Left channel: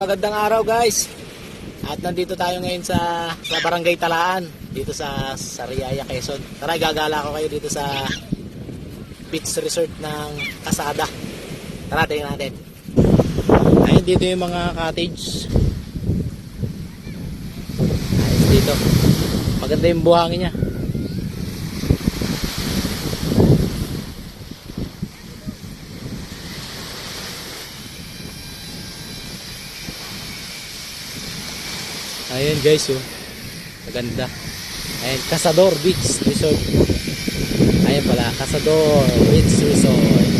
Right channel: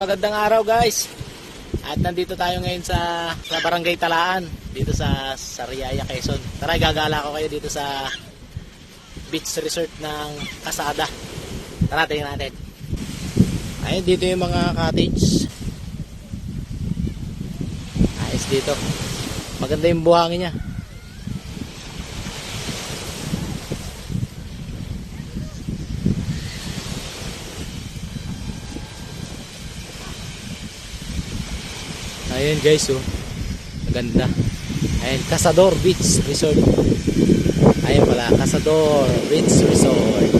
Magandang araw guys. At nandito tayo ngayon sa Barangay Talaan dito sa Sariaya, Quezon. Tara, gagala ko kayo dito sa beach resort ng Kasada. Tara, tingnan natin. Ayun, dito yung mga cottage. Ayos dito. Maganda yung buhangin niya. Ayan guys, oh. Maganda. Ayan, Cazador Beach Resort. Ayan pala, Cazador Beach Resort.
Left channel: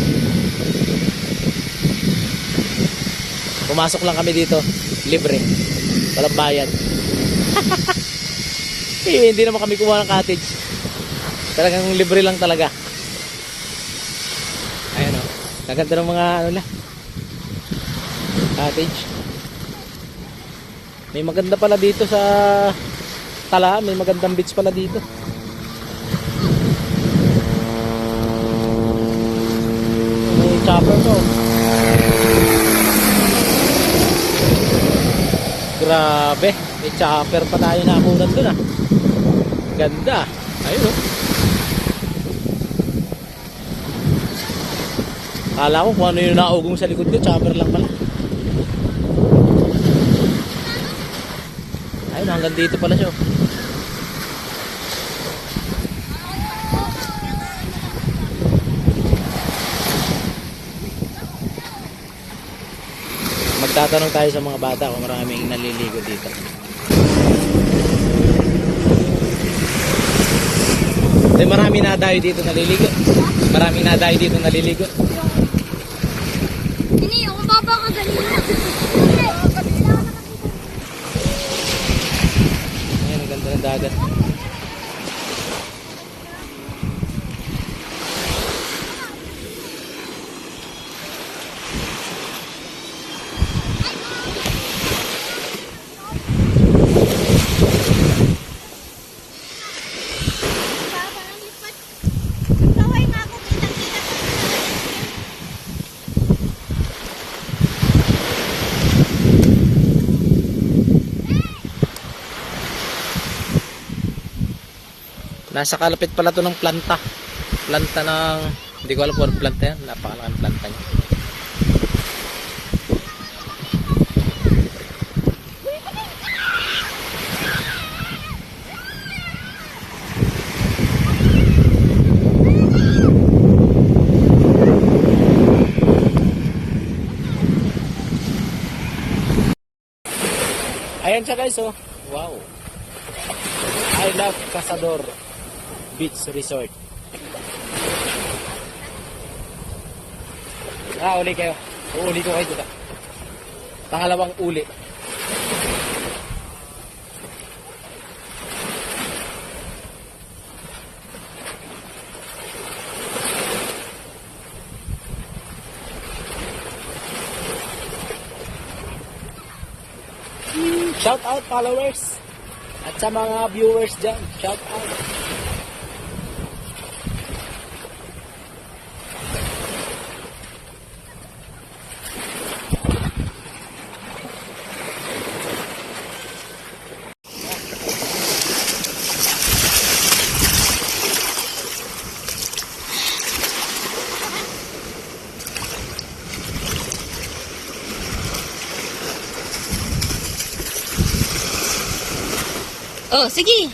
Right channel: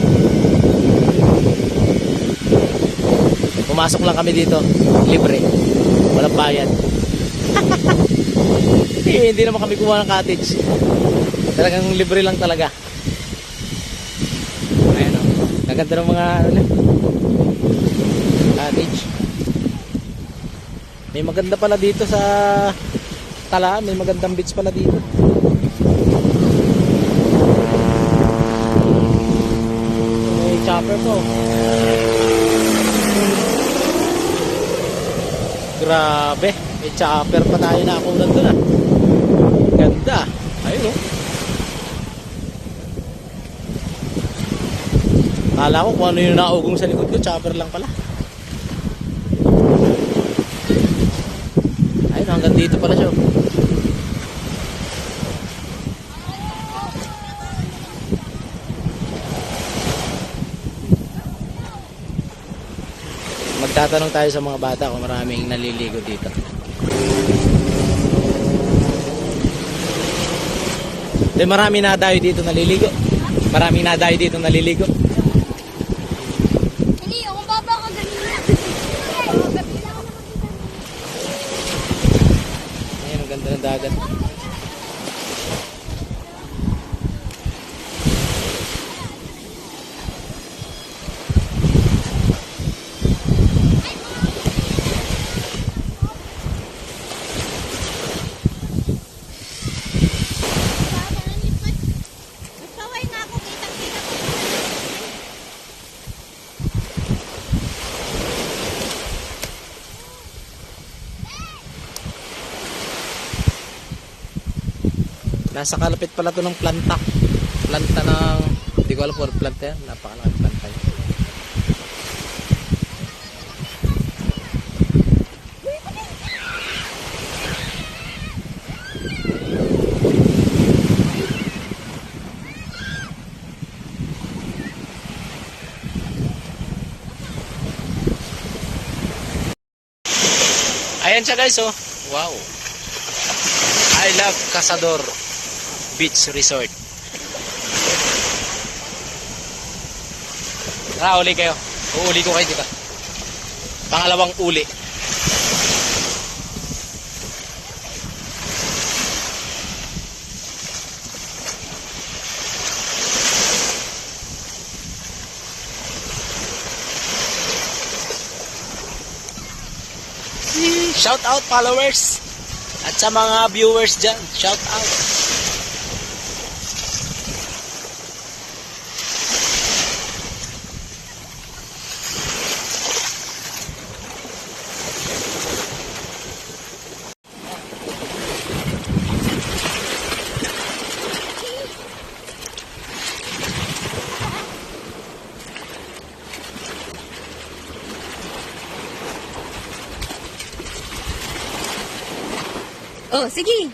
Pumasok lang kami dito, libre. Walang bayad. Hindi naman kami kuha ng cottage. Talagang libre lang talaga. Ayan, oh. Gaganda ng mga cottage. May maganda pala dito sa Talaan, may magandang beach pala dito. May chopper mo. Grabe, may chopper pa tayo nakakunan dun ah. Ganda. Ayun oh. Kala ko kung ano yung naugong sa likod ko, chopper lang pala. Ayun, hanggang dito pala siya. Magtatanong tayo sa mga bata kung maraming naliligo dito. Eh, marami na dayo dito naliligo. Maraming na dayo dito naliligo. Hindi, ako baba ka ganina. Ayan, ang ganda ng dagat. Baba ang lipat. Kaway nga ako, kitang-kita ko. Nasa kalapit pala to ng planta. Planta ng, hindi ko alam kung ano planta yan. Napakalaking planta yan. Ayan siya guys, oh. Wow. I love Cazador Beach Resort. Tara, uli kayo. Uuli ko kayo dito. Pangalawang uli. Shout out followers at sa mga viewers dyan. Shout out. Oh, sige.